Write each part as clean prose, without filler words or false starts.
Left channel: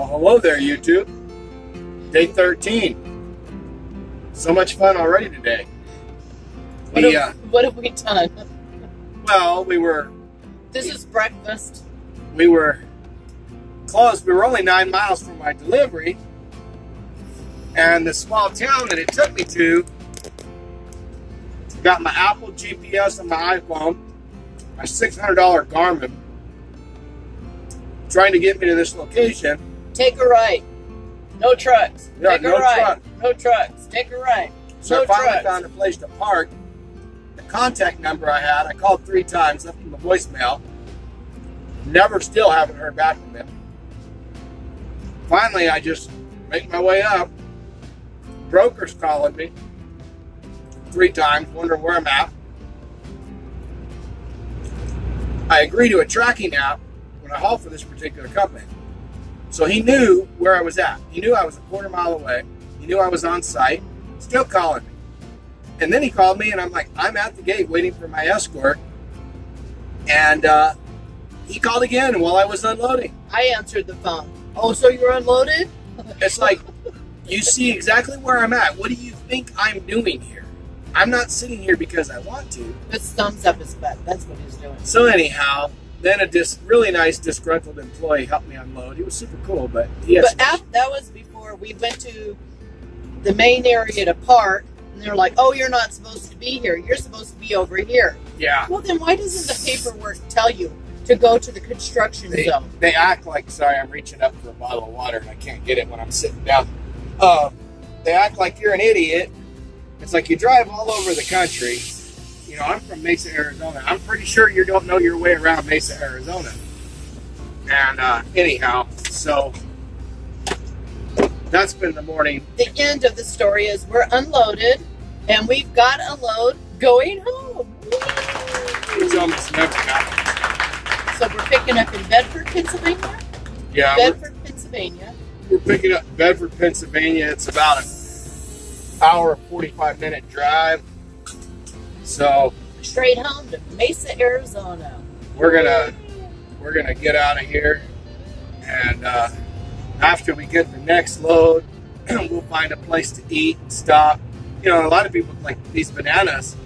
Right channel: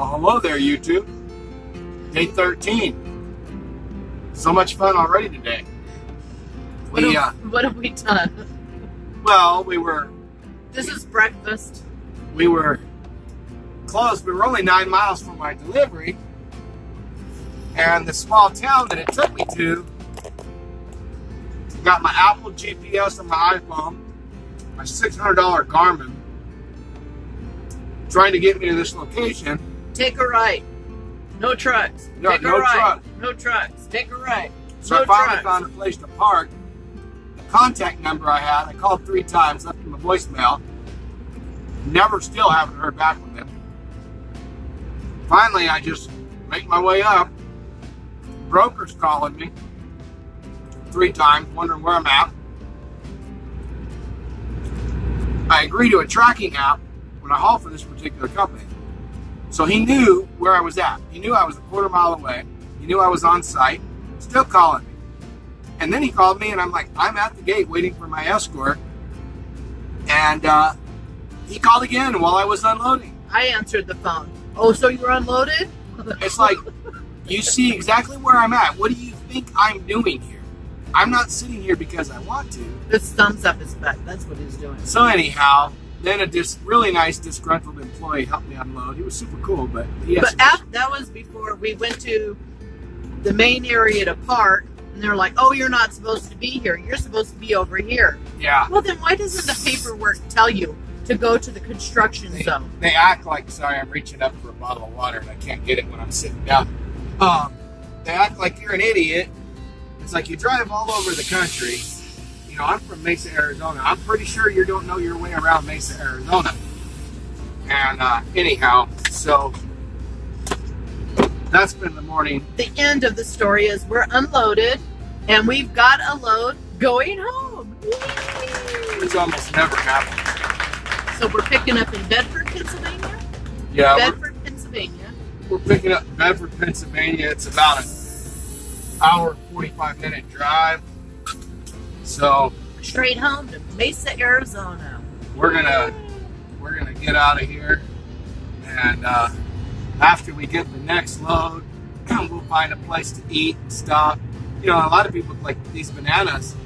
Well, hello there, YouTube. Day 13. So much fun already today. What have we done? Well, This is breakfast. We were close. We were only 9 miles from my delivery. And the small town that it took me to got my Apple GPS on my iPhone, my $600 Garmin, trying to get me to this location. Take a right. No trucks. Yeah, Take no a right. trucks. No trucks. Take a right. So no I finally trucks. found a place to park. The contact number I had, I called 3 times, left him a voicemail. Still haven't heard back from them. Finally, I just make my way up. Broker's calling me 3 times, wondering where I'm at. I agree to a tracking app when I haul for this particular company. So he knew where I was at. He knew I was a quarter mile away. He knew I was on site. Still calling me. And then he called me and I'm like, I'm at the gate waiting for my escort. And he called again while I was unloading. I answered the phone. Oh, so you're unloaded? It's like, you see exactly where I'm at. What do you think I'm doing here? I'm not sitting here because I want to. His thumbs up his butt. That's what he's doing. So anyhow, then a really nice disgruntled employee helped me unload. He was super cool, but that was before we went to the main area to park, and they're like, "Oh, you're not supposed to be here. You're supposed to be over here." Yeah. Well, then why doesn't the paperwork tell you to go to the construction zone? They act like, sorry, I'm reaching up for a bottle of water and I can't get it when I'm sitting down. They act like you're an idiot. It's like you drive all over the country. You know, I'm from Mesa, Arizona. I'm pretty sure you don't know your way around Mesa, Arizona. And anyhow, so that's been the morning. The end of the story is we're unloaded, and we've got a load going home. It's almost never happened. So we're picking up in Bedford, Pennsylvania? Yeah. Bedford, Pennsylvania. We're picking up Bedford, Pennsylvania. It's about an hour, 45-minute drive. So Straight home to Mesa, Arizona. We're gonna get out of here, and after we get the next load, we'll find a place to eat and stop. You know, a lot of people like these bananas.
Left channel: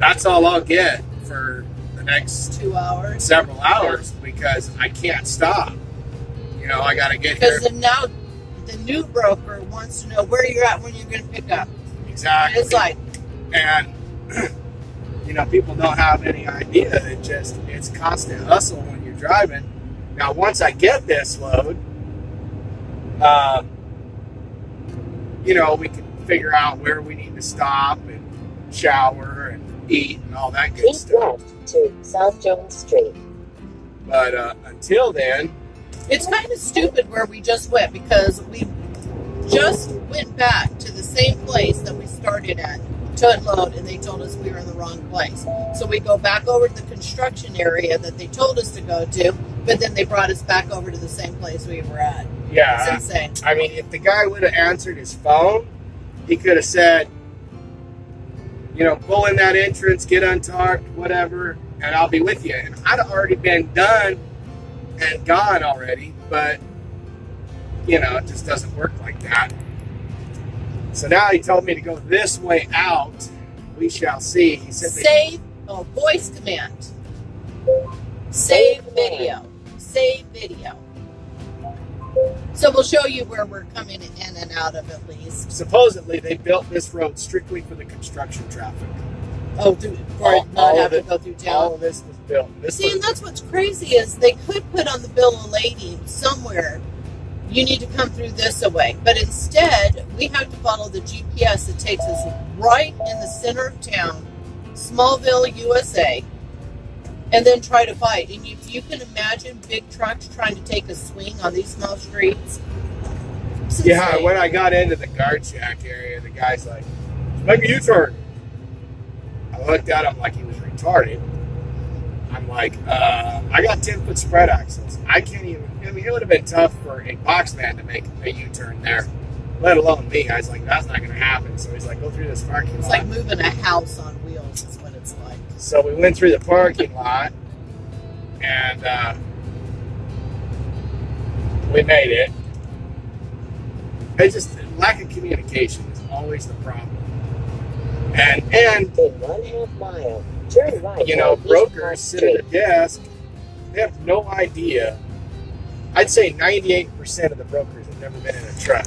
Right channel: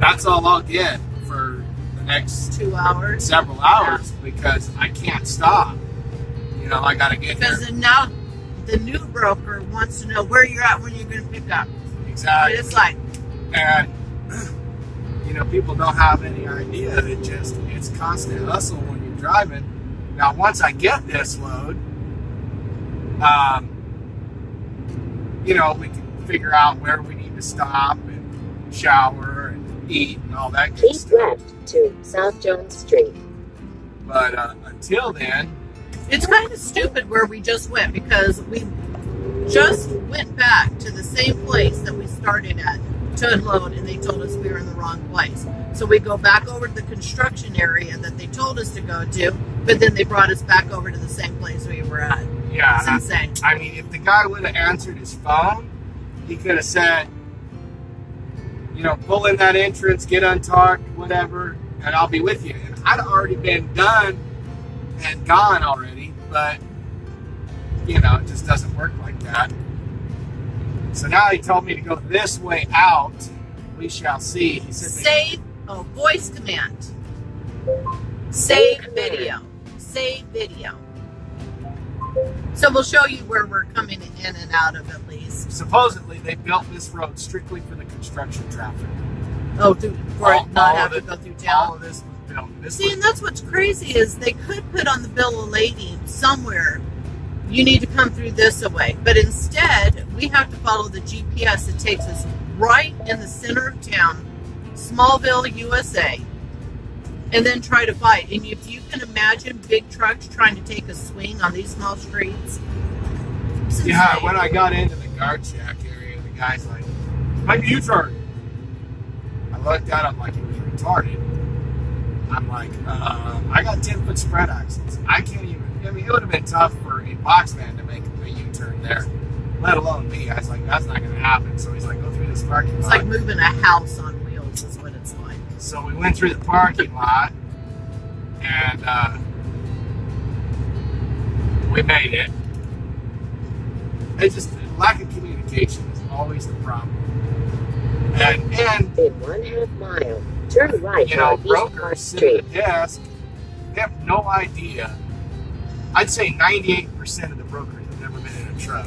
That's all I'll get for the next 2 hours, several hours, because I can't stop. You know, I gotta get here. Because now the new broker wants to know where you're at when you're gonna pick up. Exactly. It's like, and you know, people don't have any idea that it's constant hustle when you're driving. Now, once I get this load, you know, we can figure out where we need to stop and shower and eat and all that good stuff. Left to South Jones Street. But until then, it's kind of stupid where we just went, because we just went back to the same place that we started at to unload, and they told us we were in the wrong place. So we go back over to the construction area that they told us to go to, but then they brought us back over to the same place we were at. yeah, It's insane. I mean, if the guy would have answered his phone, he could have said, you know, pull in that entrance, get untarked, whatever, and I'll be with you. And I'd already been done and gone already, but, you know, it just doesn't work like that. So now he told me to go this way out. We shall see. He said, Save, voice command. Save video. Save video. So we'll show you where we're coming in and out of, at least. supposedly they built this road strictly for the construction traffic. Oh, for it not have to go through town. All of this was built. See, and that's what's crazy is they could put on the bill of lading somewhere, you need to come through this way. But instead, we have to follow the GPS that takes us right in the center of town, Smallville, USA, and then try to fight. And if you can imagine big trucks trying to take a swing on these small streets. Yeah, when I got into the guard shack area, the guy's like, make a U-turn. I looked at him like he was retarded. I'm like, I got 10-foot spread axles. I can't even, I mean, it would have been tough for a box van to make a U-turn there, let alone me. I was like, that's not going to happen. So he's like, go through this parking lot. It's like moving a house on wheels is what it's like. So we went through the parking lot, and We made it. It's just lack of communication is always the problem. And In 1/2 mile, turn right. you know, on East brokers Park sit at a Street. desk. They have no idea. I'd say 98% of the brokers have never been in a truck,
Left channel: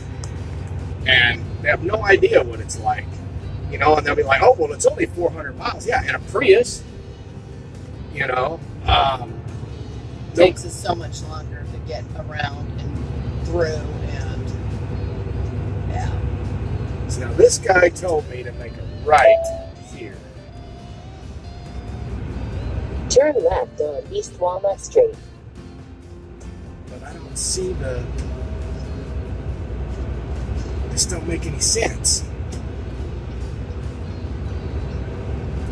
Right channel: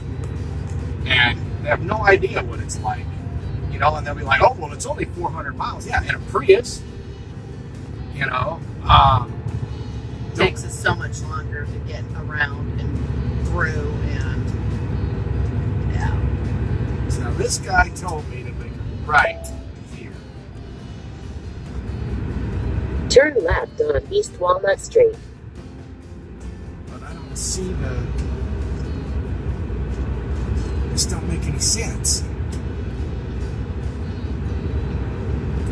and they have no idea what it's like. You know, and they'll be like, "Oh, well, it's only 400 miles." Yeah, in a Prius. You know, It takes us so much longer to get around and through, and yeah. so this guy told me to make a right here. Turn left on East Walnut Street. But I don't see the. This don't make any sense.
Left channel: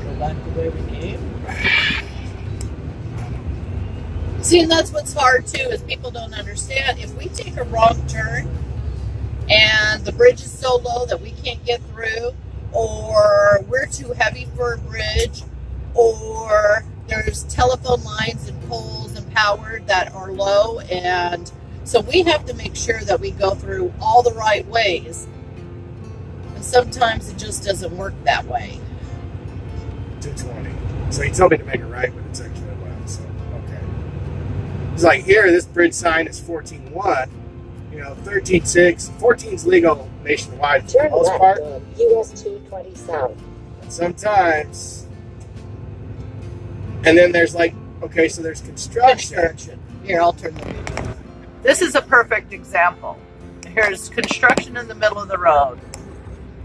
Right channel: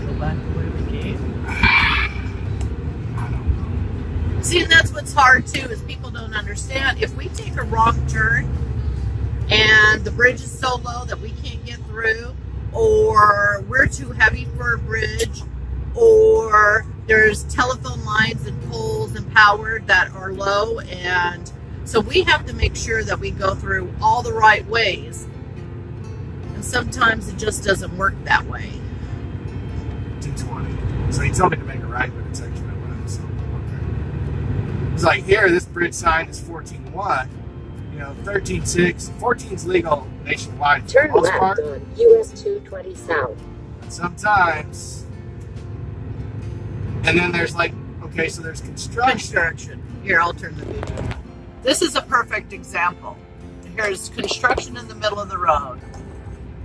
Go back to where we came. See, and that's what's hard too, is people don't understand. If we take a wrong turn and the bridge is so low that we can't get through, or we're too heavy for a bridge, or there's telephone lines and poles and power that are low, and so we have to make sure that we go through all the right ways. And sometimes it just doesn't work that way. 220. So he told me to make a right, but it's actually a left. So okay. He's like, here, this bridge sign is 14.1. You know, 13.6. 14's legal nationwide for the Turn most left part. on US 220 South. But sometimes. And then there's like, okay, so there's construction. Here, I'll turn the. This is a perfect example. Here's construction in the middle of the road,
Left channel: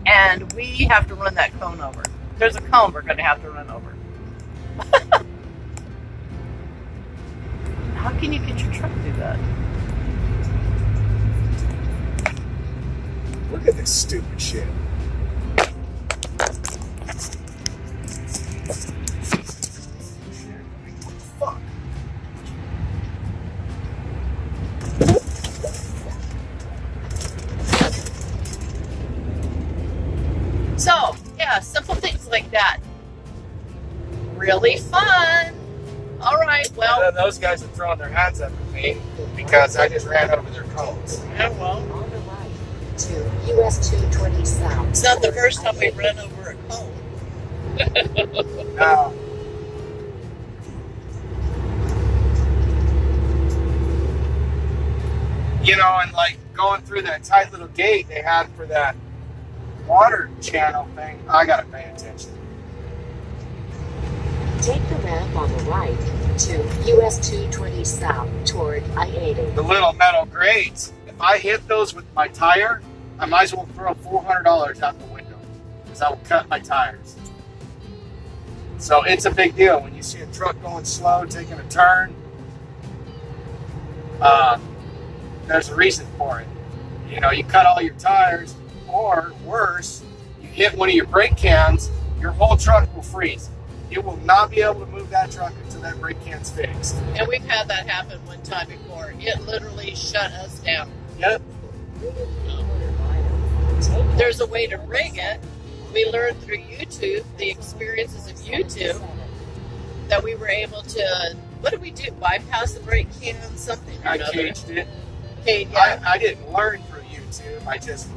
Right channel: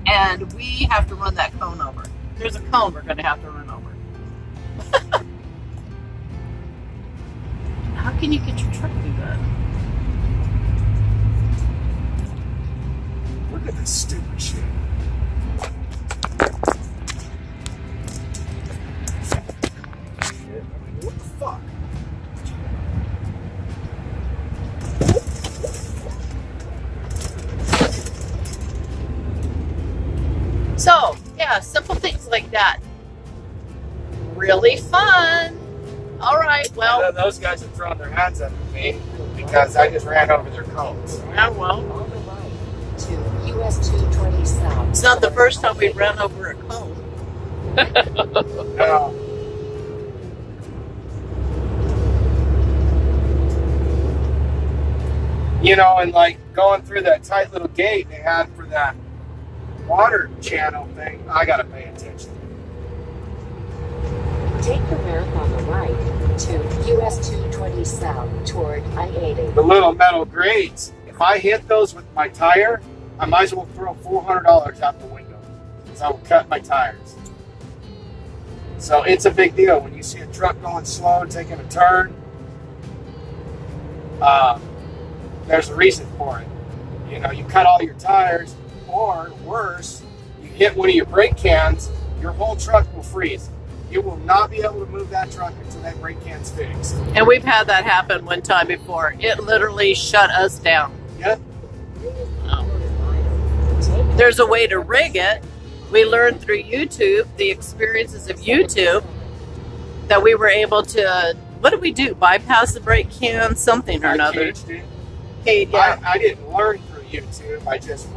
and we have to run that cone over. There's a cone we're going to have to run over. How can you get your truck through that? Look at this stupid shit. What the fuck? So, yeah, simple things like that. Really fun. All right, well. And then those guys have thrown their hands up at me because I just ran over their cones. Yeah, well. On the right to US 220 South. It's not the first time we've run over a cone. Now, you know, and like going through that tight little gate they had for that water channel thing, I gotta pay attention. Take the ramp on the right to US 220 South toward I-80. The little metal grates, if I hit those with my tire, I might as well throw $400 out the window because I will cut my tires. So it's a big deal when you see a truck going slow, taking a turn. There's a reason for it. You know, you cut all your tires, or worse, you hit one of your brake cans, your whole truck will freeze. You will not be able to move that truck until that brake can's fixed. And we've had that happen one time before. It literally shut us down. Yep. There's a way to rig it. We learned through YouTube, the experiences of YouTube, that we were able to, what did we do? Bypass the brake can, something or I another. changed it. Okay, yeah. I didn't learn through YouTube. I just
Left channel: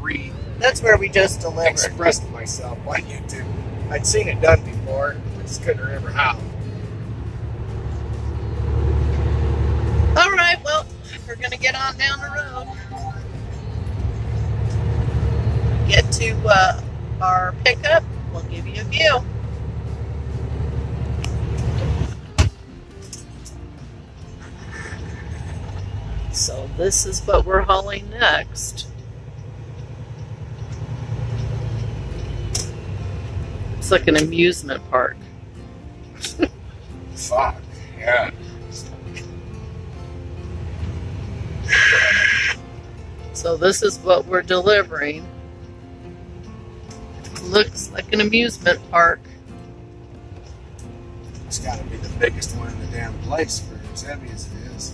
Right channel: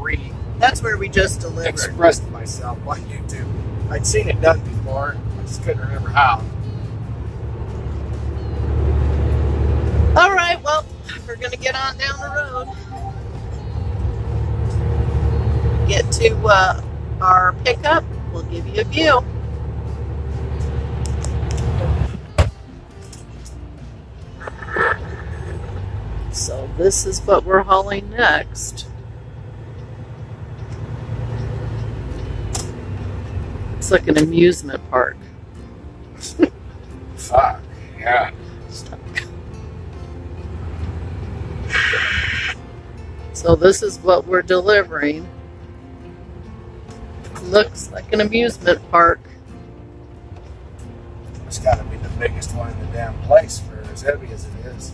That's where we just delivered. expressed myself on YouTube. I'd seen it done before. I just couldn't remember how. All right, well, we're going to get on down the road. Get to our pickup. We'll give you a view. So this is what we're hauling next. It's like an amusement park. Fuck, yeah. So this is what we're delivering. Looks like an amusement park. It's got to be the biggest one in the damn place for as heavy as it is.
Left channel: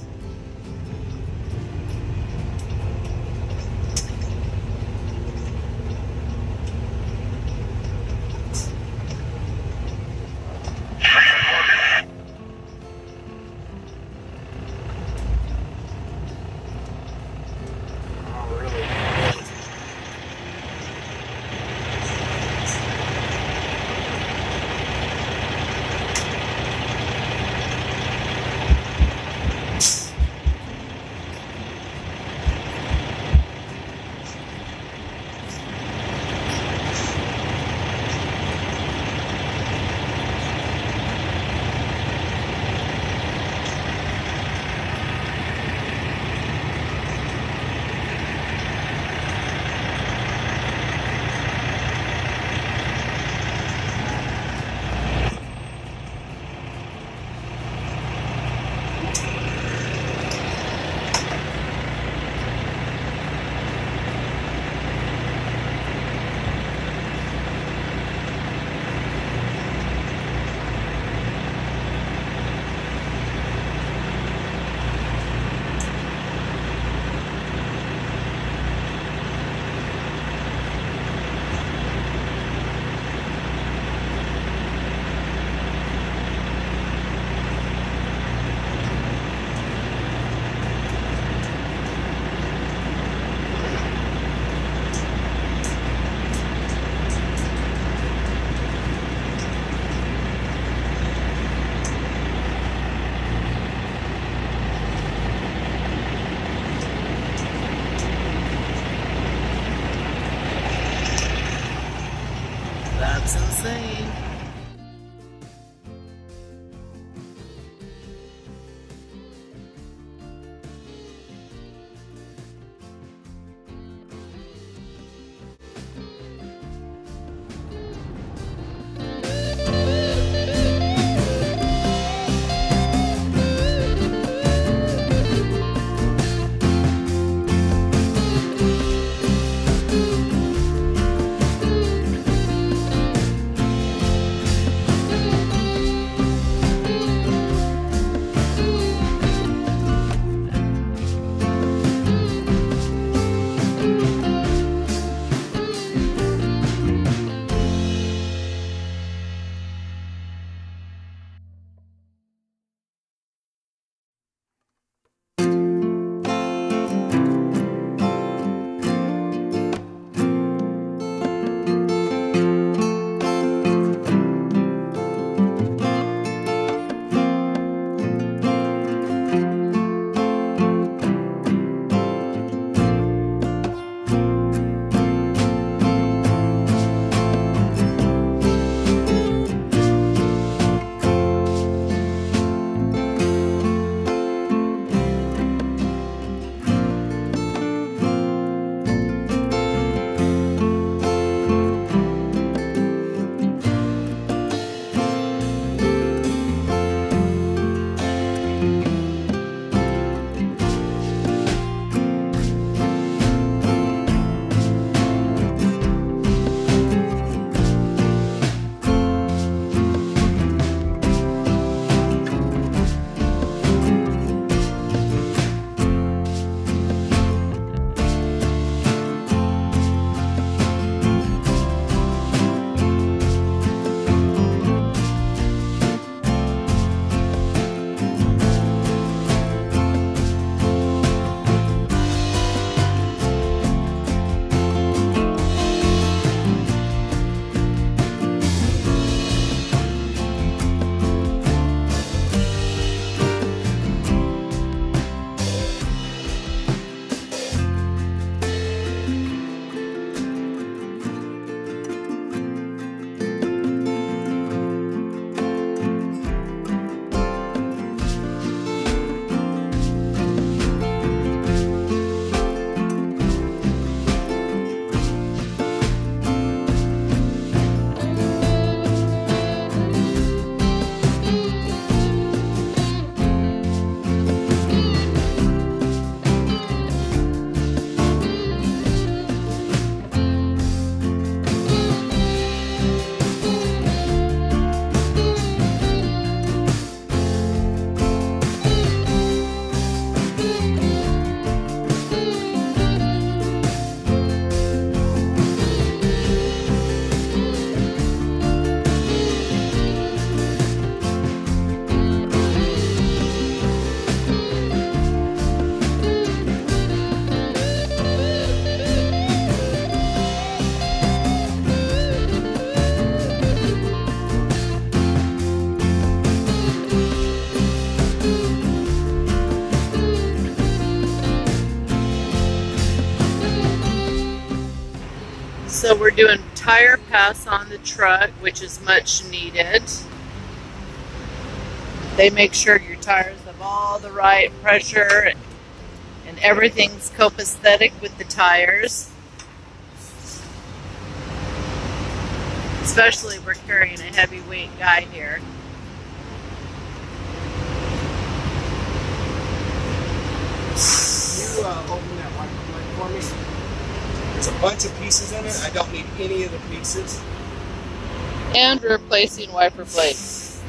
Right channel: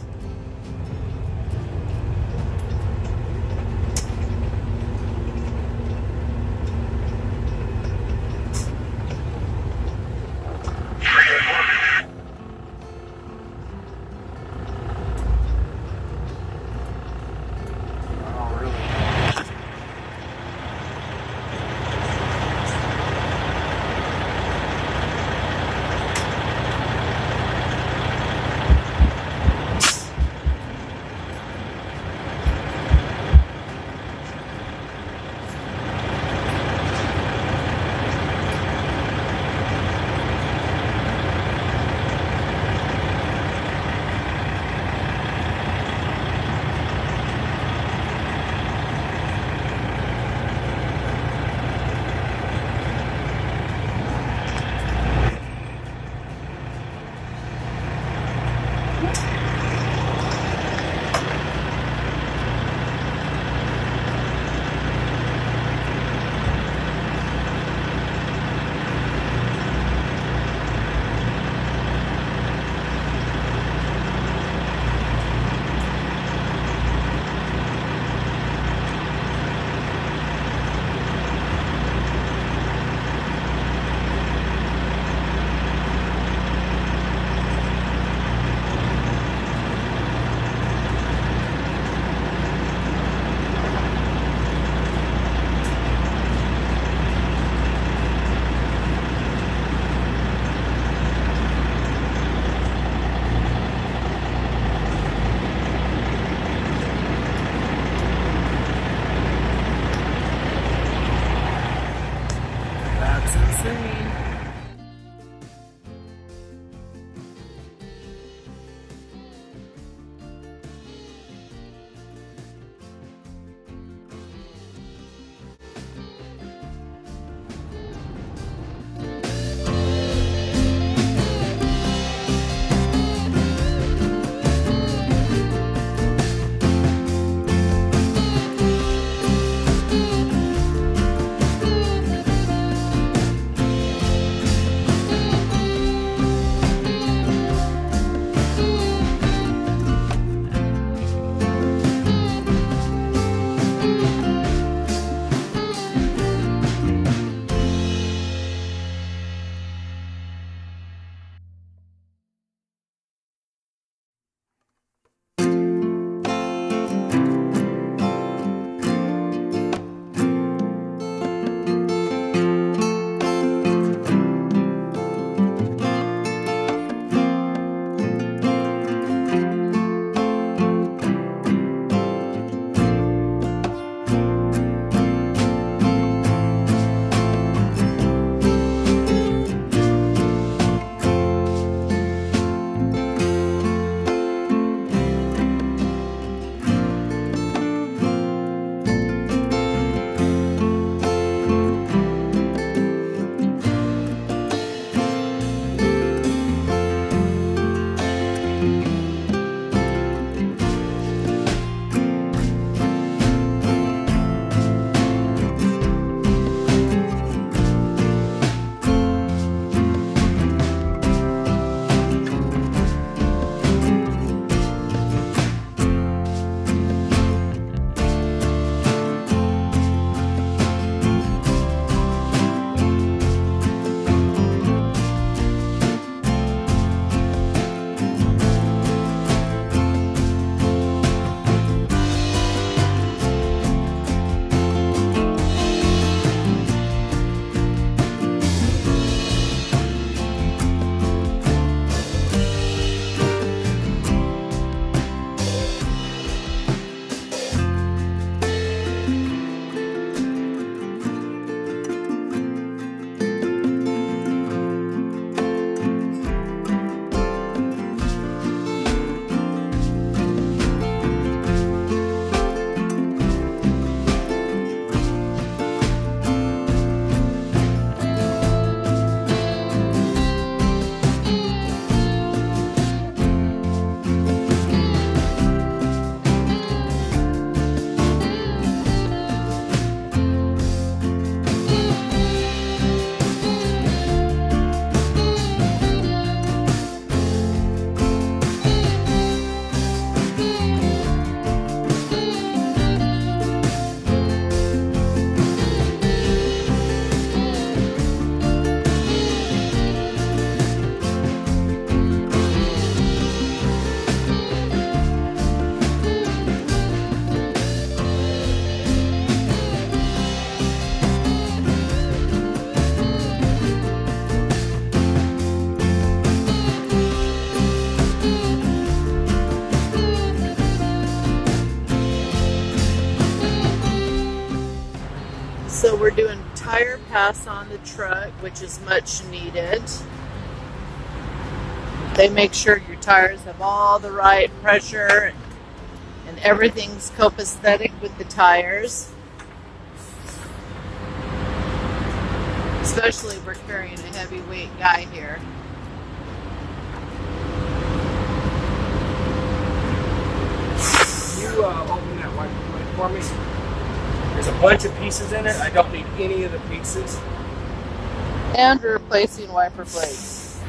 So we're doing tire pass on the truck, which is much needed. They make sure your tires have all the right pressure and everything's copacetic with the tires. Especially if we're carrying a heavyweight guy here. You open that wiper blade for me. There's a bunch of pieces in it. I don't need any of the pieces. And we're replacing wiper blades.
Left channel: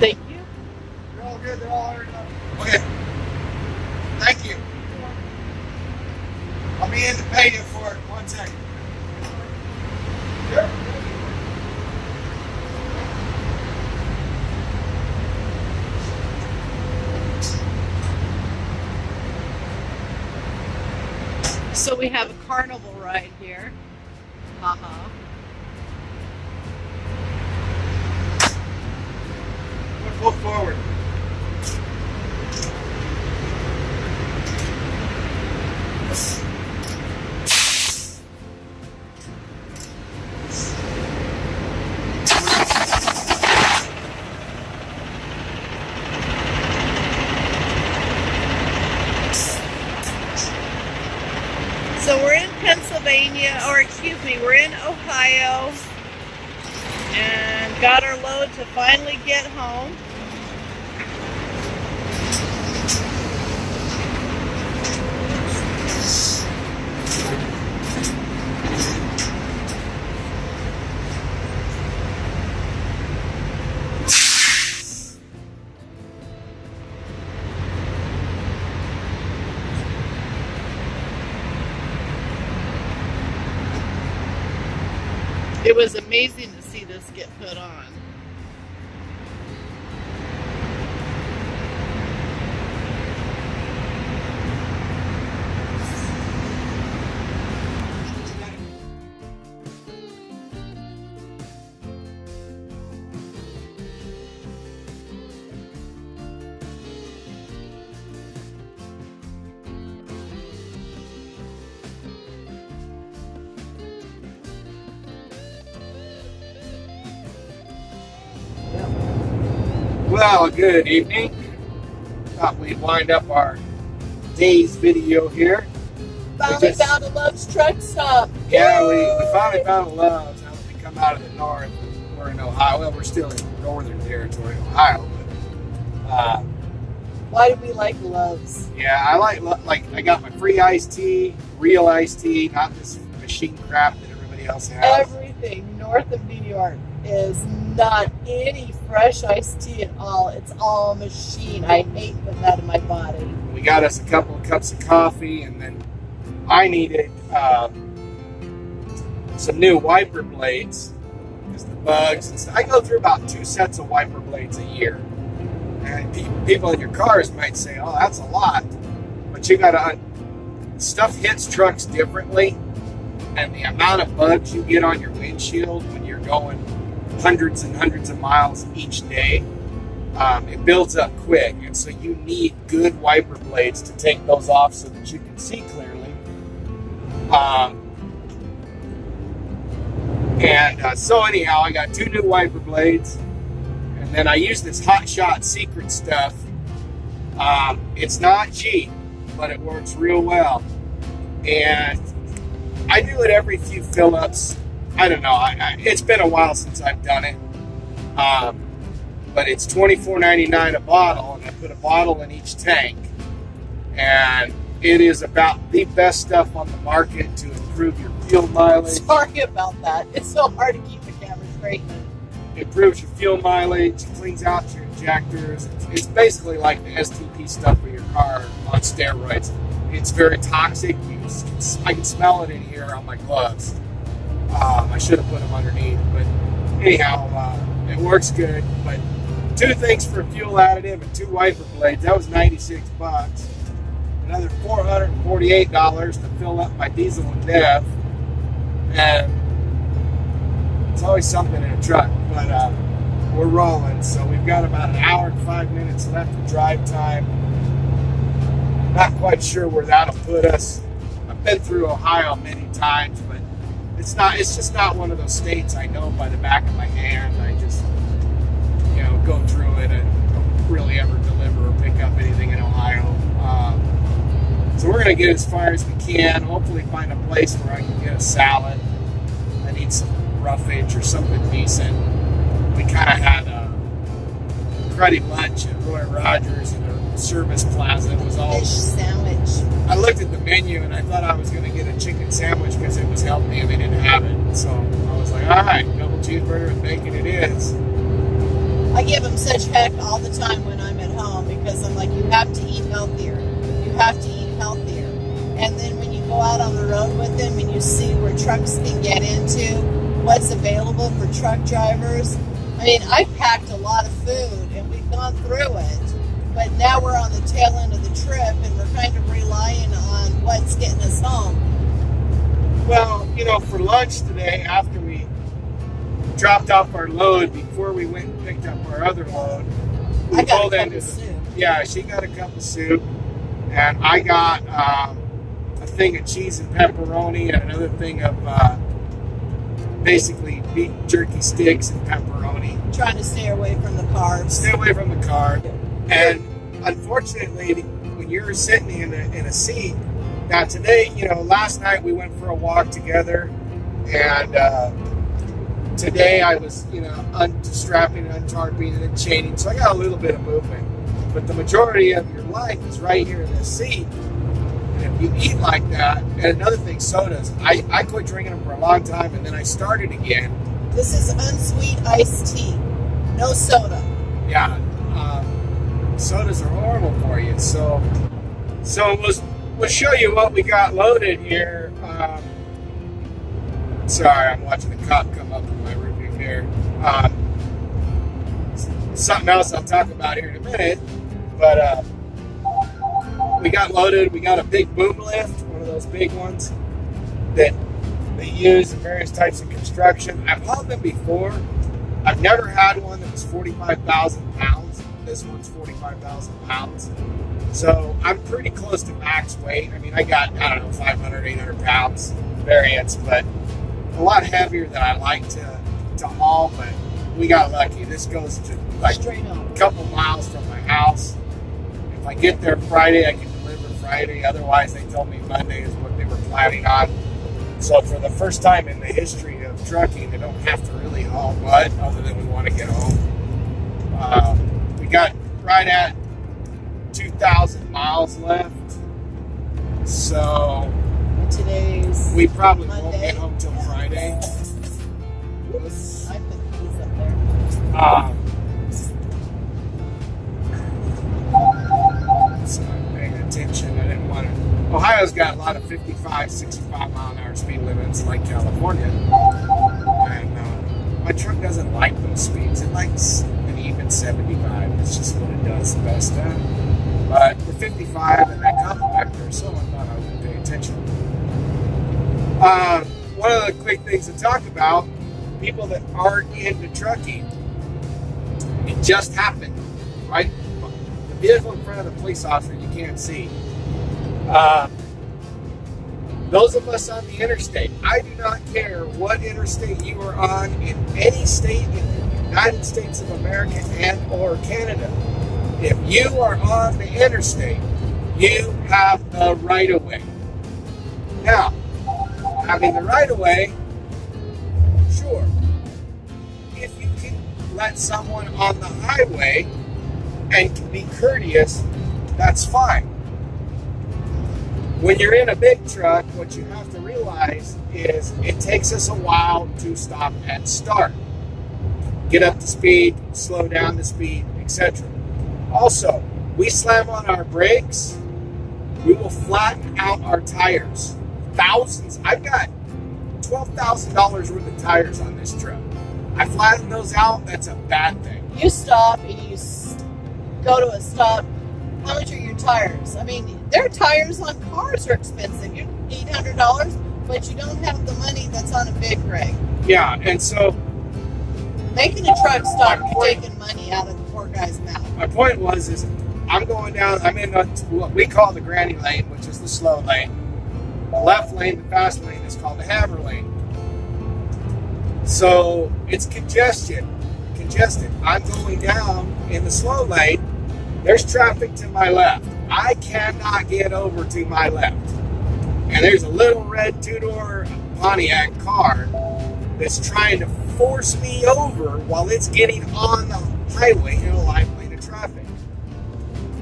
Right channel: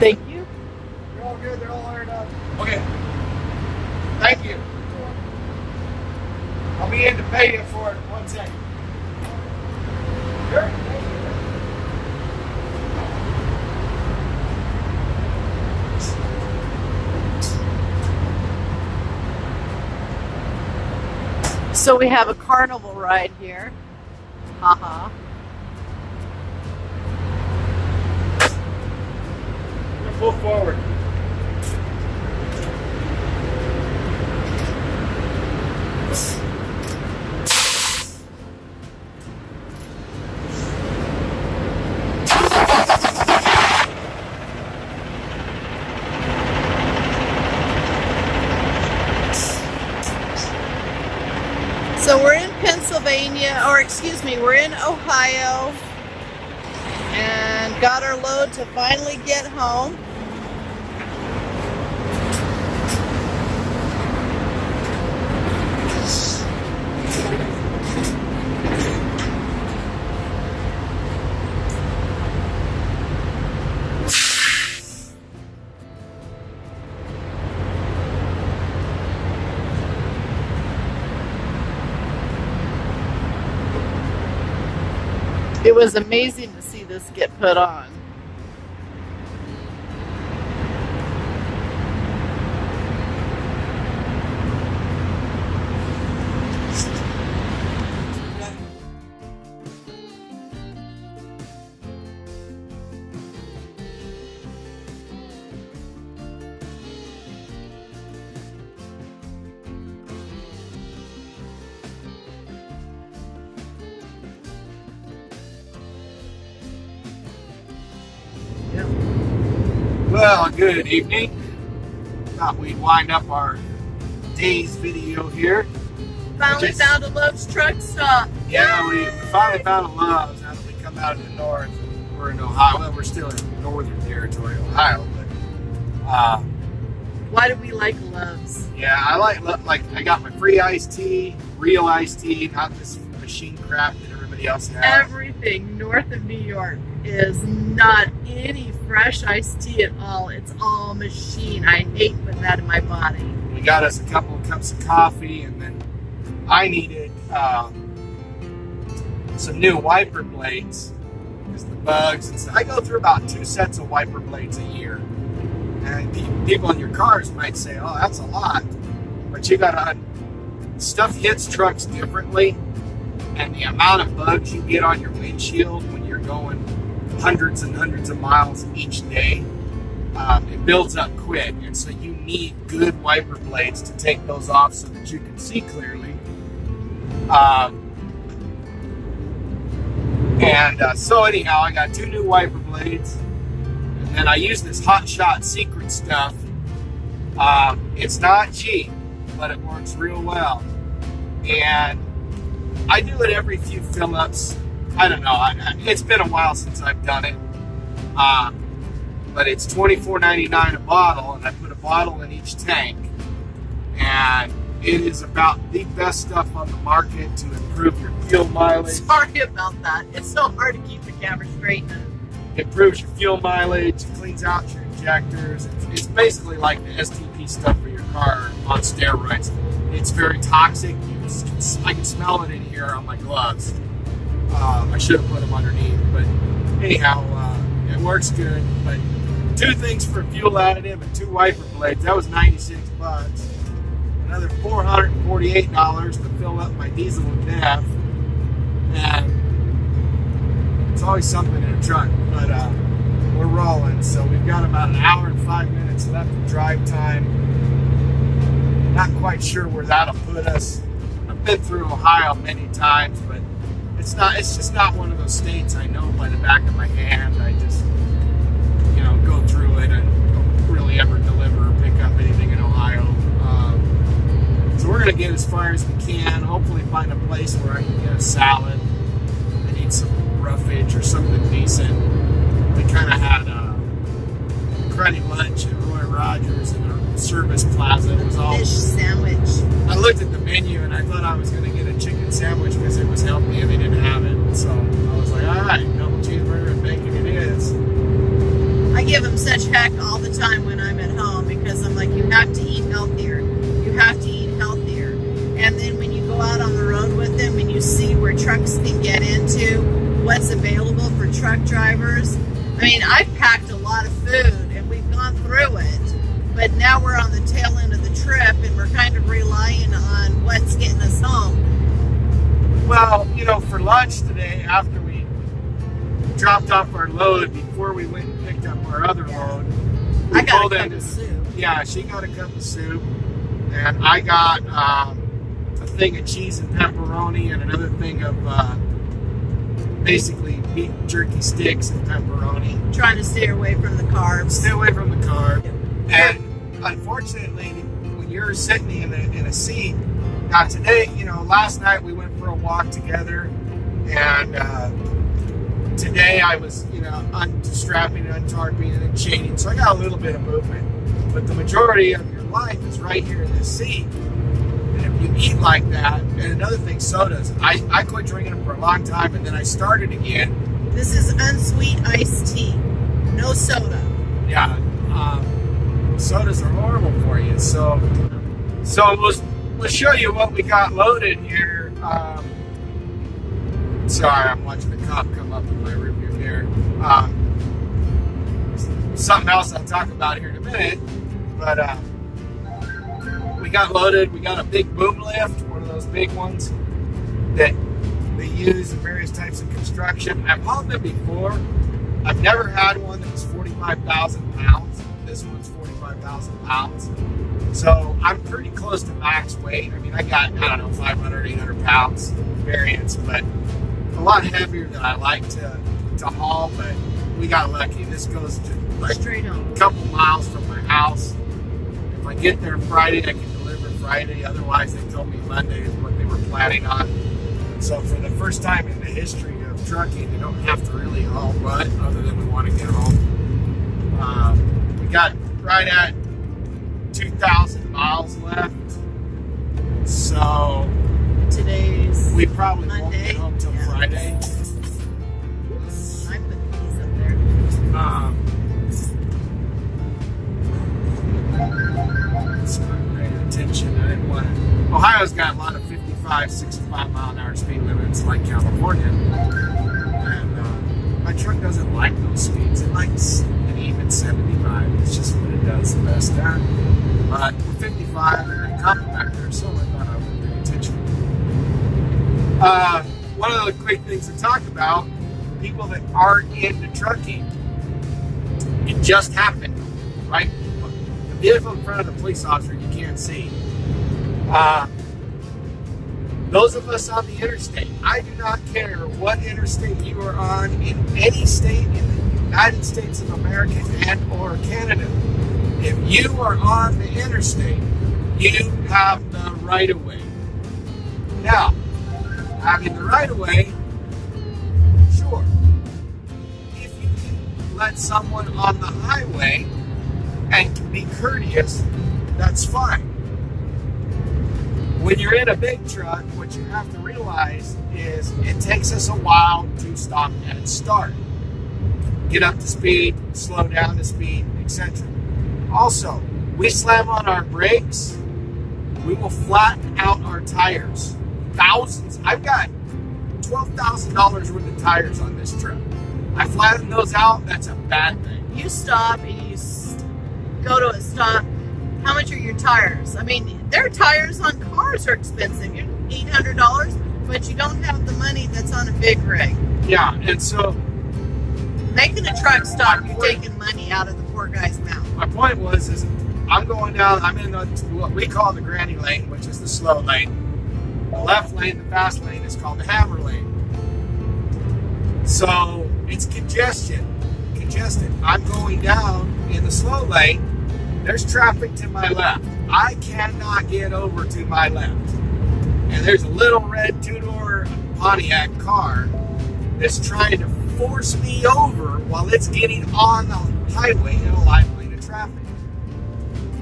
Thank you. They're all good. They're all ironed up. Okay. Thank you. I'll be in to pay you for it in 1 second. Sure. So we have a carnival ride here. Haha. Pull forward. So we're in Pennsylvania, or excuse me, we're in Ohio, and got our load to finally get home. It was amazing to see this get put on. Well, good evening. Thought we'd wind up our day's video here. Finally found a Love's truck stop. Yeah, we finally found a Love's. Now that we come out of the north, we're in Ohio. Well, we're still in northern territory, Ohio. But, why do we like Love's? yeah, I like I got my free iced tea, real iced tea, not this machine crap that everybody else has. Everything north of New York is not any fresh iced tea at all. It's all machine. I hate putting that in my body. We got us a couple of cups of coffee, and then I needed some new wiper blades because the bugs and stuff. I go through about 2 sets of wiper blades a year. And people in your cars might say, "Oh, that's a lot," but you gotta stuff hits trucks differently, and the amount of bugs you get on your windshield when you're going hundreds and hundreds of miles each day, it builds up quick, and so you need good wiper blades to take those off so that you can see clearly. So anyhow, I got 2 new wiper blades, and then I use this Hot Shot Secret stuff. It's not cheap, but it works real well, and I do it every few fill-ups. I don't know. It's been a while since I've done it, but it's $24.99 a bottle, and I put a bottle in each tank, and it is about the best stuff on the market to improve your fuel mileage. Sorry about that. It's so hard to keep the camera straight. Improves your fuel mileage, cleans out your injectors. It's basically like the STP stuff for your car on steroids. It's very toxic. I can smell it in here on my gloves. I should have put them underneath, but anyhow, it works good. But 2 things for fuel additive and 2 wiper blades. That was 96 bucks. And another $448 to fill up my diesel and DEF. And it's always something in a truck, but we're rolling. So we've got about an hour and 5 minutes left of drive time. Not quite sure where that'll put us. I've been through Ohio many times, but it's just not one of those states I know by the back of my hand. I just, you know, go through it and don't really ever deliver or pick up anything in Ohio. So we're going to get as far as we can, hopefully find a place where I can get a salad. I need some roughage or something decent. We kind of had a cruddy lunch at Roy Rogers in a service plaza. It was all fish sandwich. I looked at the menu and I thought I was going to get a chicken sandwich because it was healthy and they didn't have it. So I was like, all right, double cheeseburger and bacon it is. I give them such heck all the time when I'm at home because I'm like, you have to eat healthier. You have to eat healthier. And then when you go out on the road with them and you see where trucks can get into, what's available for truck drivers. I mean, I've packed a lot of food and we've gone through it. But now we're on the tail end of the trip and we're kind of relying on what's getting us home. Well, you know, for lunch today, after we dropped off our load, before we went and picked up our other load, we I got pulled a cup into, of soup. yeah, she got a cup of soup, and I got a thing of cheese and pepperoni and another thing of basically beef jerky sticks and pepperoni. Trying to stay away from the carbs. Stay away from the carb. And unfortunately, when you're sitting in a seat, now today, you know, last night we went for a walk together, and today I was, you know, unstrapping and untarping and unchaining, so I got a little bit of movement. But the majority of your life is right here in this seat. And if you eat like that, and another thing, sodas. I quit drinking them for a long time, and then I started again. This is unsweet iced tea. No soda. Yeah. Sodas are horrible for you. So we'll show you what we got loaded here. Sorry, I'm watching a cop come up in my review here. Something else I'll talk about here in a minute. But we got loaded. We got a big boom lift, one of those big ones that they use in various types of construction. I've hauled them before. I've never had one that was 45,000 pounds. This one's 45,000 pounds. So I'm pretty close to max weight. I mean, I got, I don't know, 500, 800 pounds variance, but a lot heavier than I like to haul, but we got lucky. This goes to like a couple miles from my house. If I get there Friday, I can deliver Friday. Otherwise, they told me Monday is what they were planning on. So for the first time in the history of trucking, we don't have to really haul mud other than we want to get home. We got right at 2,000 miles left. So today's we probably Monday. won't get home till Friday. I put these up there. So I'm paying attention. I didn't want to. Ohio's got a lot of 55, 65 mile an hour speed limits like California. And my truck doesn't like those speeds. It likes an even 75. It's just what it does the best at. But we're 55 and I compact there, so I thought I would pay attention. One of the quick things to talk about, people that aren't into trucking, it just happened, right? The vehicle in front of the police officer you can't see. Those of us on the interstate, I do not care what interstate you are on in any state in the United States of America and or Canada. If you are on the interstate, you have the right-of-way. Now, having the right-of-way, sure. If you can let someone on the highway and can be courteous, that's fine. When you're in a big truck, what you have to realize is it takes us a while to stop and start. Get up to speed, slow down to speed, etc. Also, we slam on our brakes, we will flatten out our tires. Thousands. I've got $12,000 worth of tires on this truck. I flatten those out, that's a bad thing. You stop and you go to a stop How much are your tires? I mean, their tires on cars are expensive. You're $800, but you don't have the money that's on a big rig. Yeah, and so making a truck stop, you're taking money out of the poor guy's mouth. My point was, is I'm going down, I'm in what we call the granny lane, which is the slow lane. The left lane, the fast lane, is called the hammer lane. So it's congested. I'm going down in the slow lane. There's traffic to my left. I cannot get over to my left. And there's a little red two-door Pontiac car that's trying to force me over while it's getting on the highway in a live lane of traffic.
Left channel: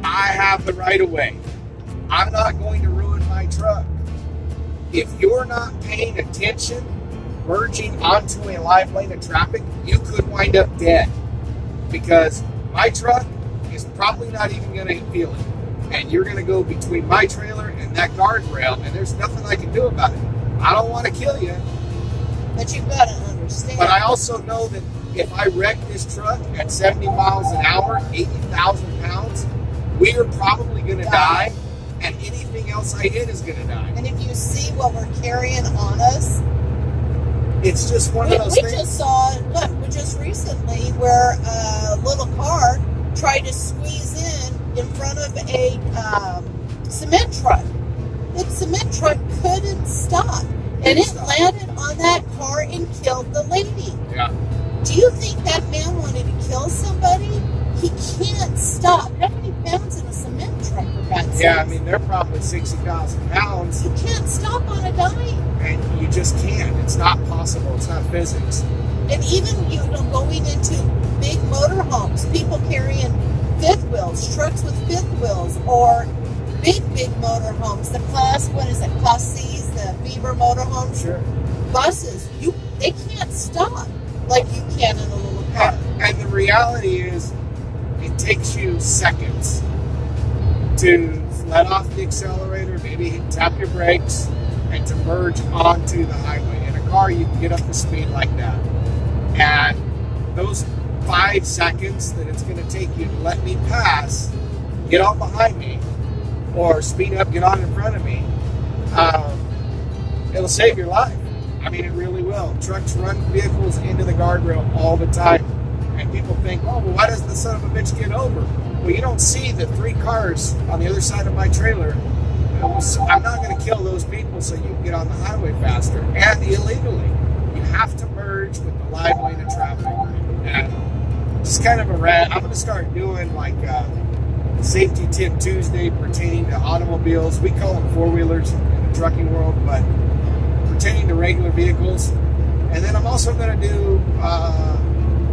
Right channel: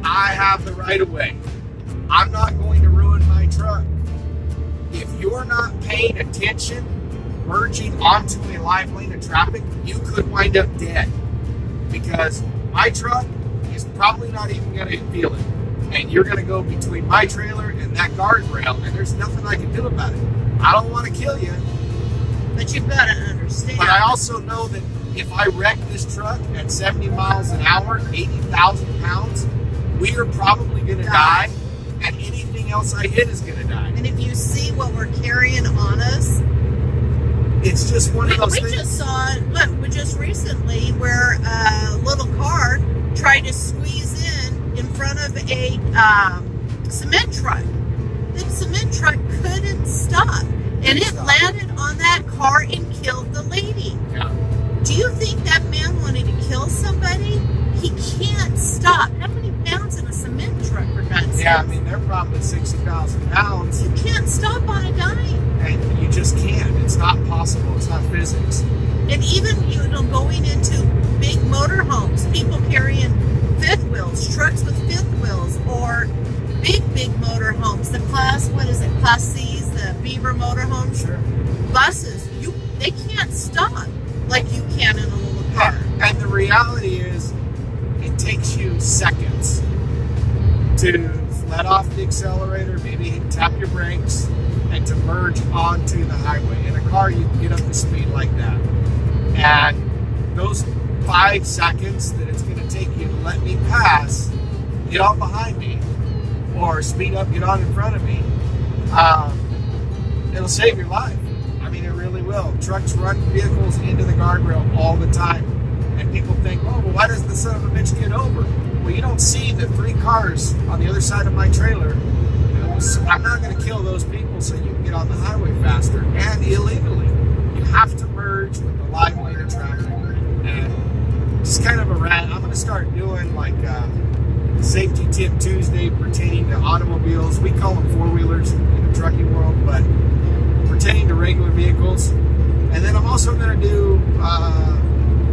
I have the right of way. I'm not going to ruin my truck. If you're not paying attention, merging onto a live lane of traffic, you could wind up dead. Because my truck is probably not even going to feel it. And you're going to go between my trailer and that guardrail, and there's nothing I can do about it. I don't want to kill you. But you've got to understand. But I also know that if I wreck this truck at 70 miles an hour, 80,000 pounds, we are probably going to die, and anything else I hit is going to die. And if you see what we're carrying on us, it's just one of those things. We just saw, just recently, where a little car tried to squeeze in front of a cement truck. The cement truck couldn't stop. And it landed on that car and killed the lady. Yeah. Do you think that man wanted to kill somebody? He can't stop. How many pounds in a cement truck, for God's sake? Yeah, I mean, they're probably 60,000 pounds. You can't stop on a dime. And you just can't. It's not possible. It's not physics. And even, you know, going into big motorhomes, people carrying fifth wheels, trucks with fifth wheels, or big motorhomes. The class, what is it, Class C's, the Beaver motorhomes? Sure. Buses, they can't stop like you can in a little car. And the reality is, it takes you seconds to let off the accelerator, maybe tap your brakes, and to merge onto the highway. In a car, you can get up to speed like that. And those 5 seconds that it's going to take you to let me pass, get on behind me, or speed up, get on in front of me, it'll save your life. I mean, it really will. Trucks run vehicles into the guardrail all the time. And people think, oh, well, why doesn't the son of a bitch get over? Well, you don't see the 3 cars on the other side of my trailer. I'm not going to kill those people so you can get on the highway faster and illegally. You have to merge with the live lane of traffic. And it's kind of a rat. I'm going to start doing like Safety Tip Tuesday pertaining to automobiles. We call them four-wheelers in the trucking world, but pertaining to regular vehicles. And then I'm also going to do,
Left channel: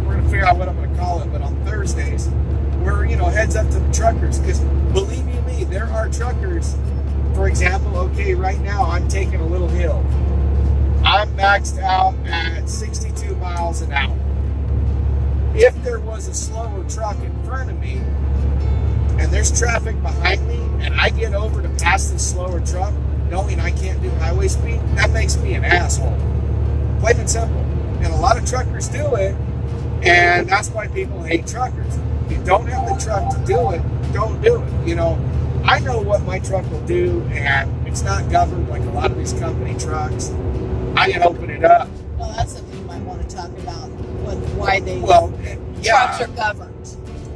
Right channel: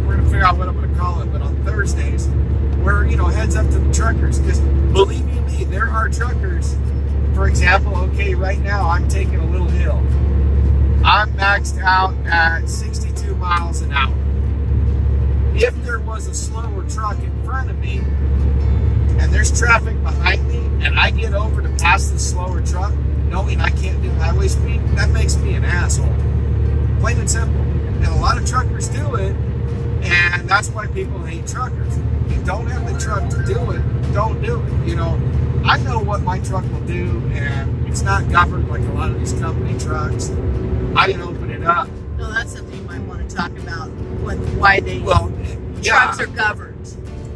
we're going to figure out what I'm going to call it, but on Thursdays, we're, you know, heads up to the truckers. Because believe you me, there are truckers. For example, okay, right now I'm taking a little hill. I'm maxed out at 62 miles an hour. If there was a slower truck in front of me, and there's traffic behind me, and I get over to pass the slower truck, knowing I can't do highway speed, that makes me an asshole. Plain and simple. And a lot of truckers do it, and that's why people hate truckers. If you don't have the truck to do it, don't do it. You know, I know what my truck will do, and it's not governed like a lot of these company trucks. I can open it up. No, that's something you might want to talk about, why they trucks are governed.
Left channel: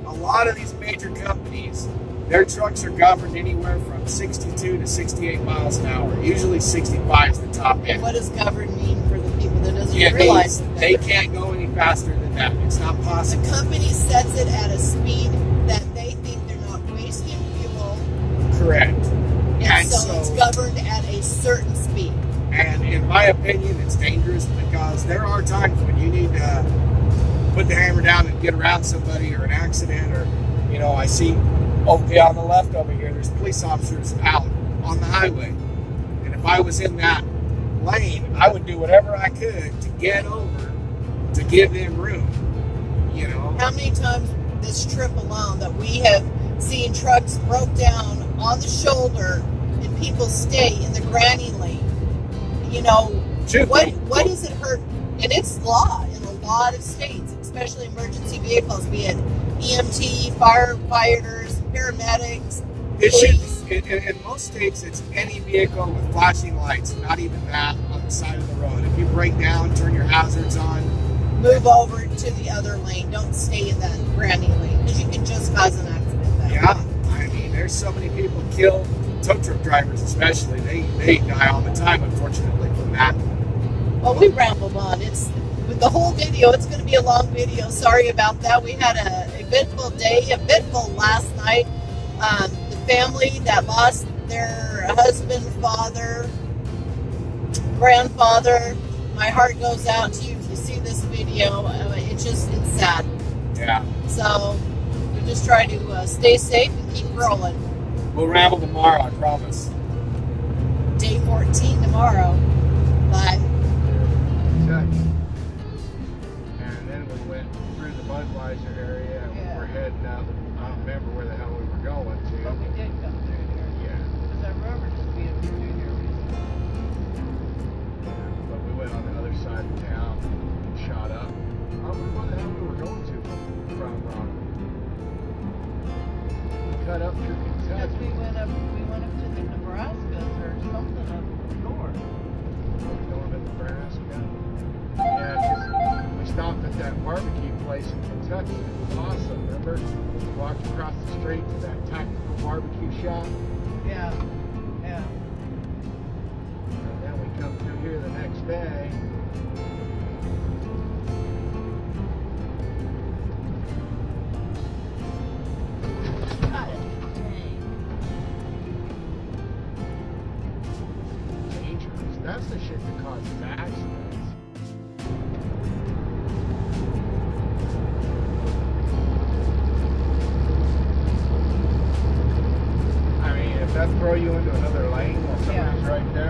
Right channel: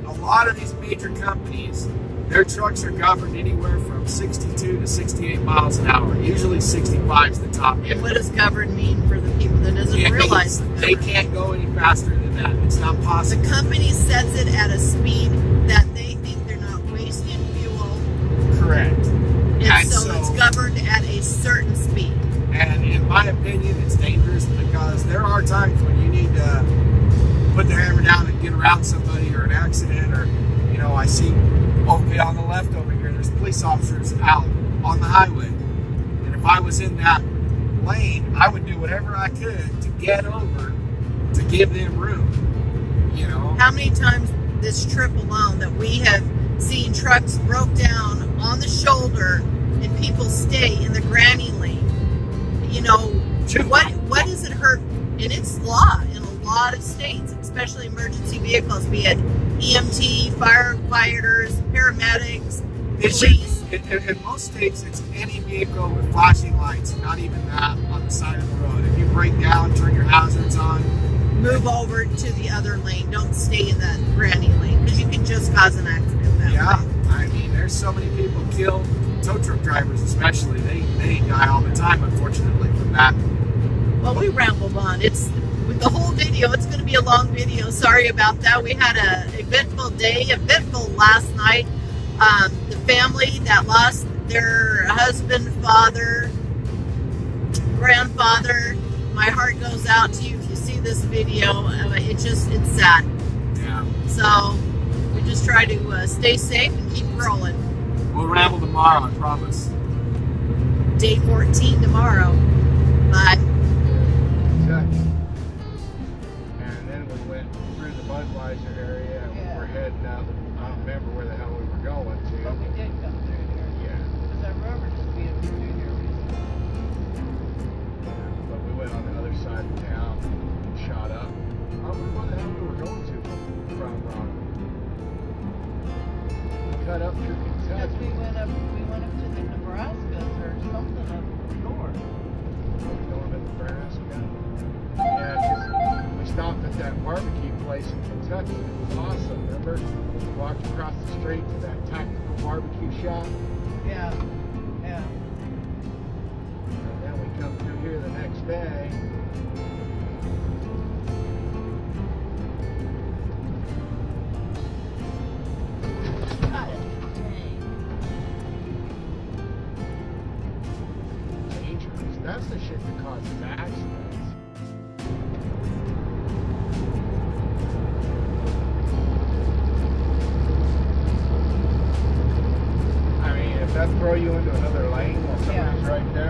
A lot of these major companies, their trucks are governed anywhere from 62 to 68 miles an hour. Usually 65 is the top end. And what does governed mean for the people that doesn't realize? They can't go any faster than that. It's not possible. The company sets it at a speed that they think they're not wasting fuel. Correct. And so it's governed at a certain speed. And in my opinion, it's dangerous because there are times when you need to put the hammer down and get around somebody or an accident, or, you know, I see over on the left over here, there's police officers out on the highway. And if I was in that lane, I would do whatever I could to get over to give them room, you know. How many times this trip alone that we have seen trucks broke down on the shoulder and people stay in the granny lane? You know, what does it hurt? And it's law in a lot of states, especially emergency vehicles, be it EMT, firefighters, paramedics, It police. should, in most states, it's any vehicle with flashing lights, not even that, on the side of the road. If you break down, turn your hazards on. Move over to the other lane. Don't stay in that brand new lane because you can just cause an accident that Yeah, way. I mean, there's so many people killed, tow truck drivers especially. They die all the time, unfortunately, from that. Well, we rambled on. It's with the whole video. It's going to be a long video. Sorry about that. We had a eventful day, eventful last night. The family that lost their husband, father, grandfather. My heart goes out to you if you see this video. It's sad. Yeah. So we just try to stay safe and keep rolling. We'll ramble tomorrow, I promise. Day 14 tomorrow. Bye. Touch. And then we went through the Budweiser area and we were heading up. I don't remember where the hell we were going to. But we did come through here. Yeah. Because I remember just being through here recently. But we went on the other side of town and shot up. I don't remember where the hell we were going to from. Cut up through Because Kentucky. we went up to the Nebraskas or something up north. Going to Nebraska. Yeah, 'cause we stopped at that barbecue place in Kentucky. It was awesome, remember? We walked across the street to that tactical barbecue shop. Yeah. Yeah. And then we come through here the next day. Got it. Dangerous. That's the shit that causes accidents. I mean, if that throw you into another lane while somebody's right there.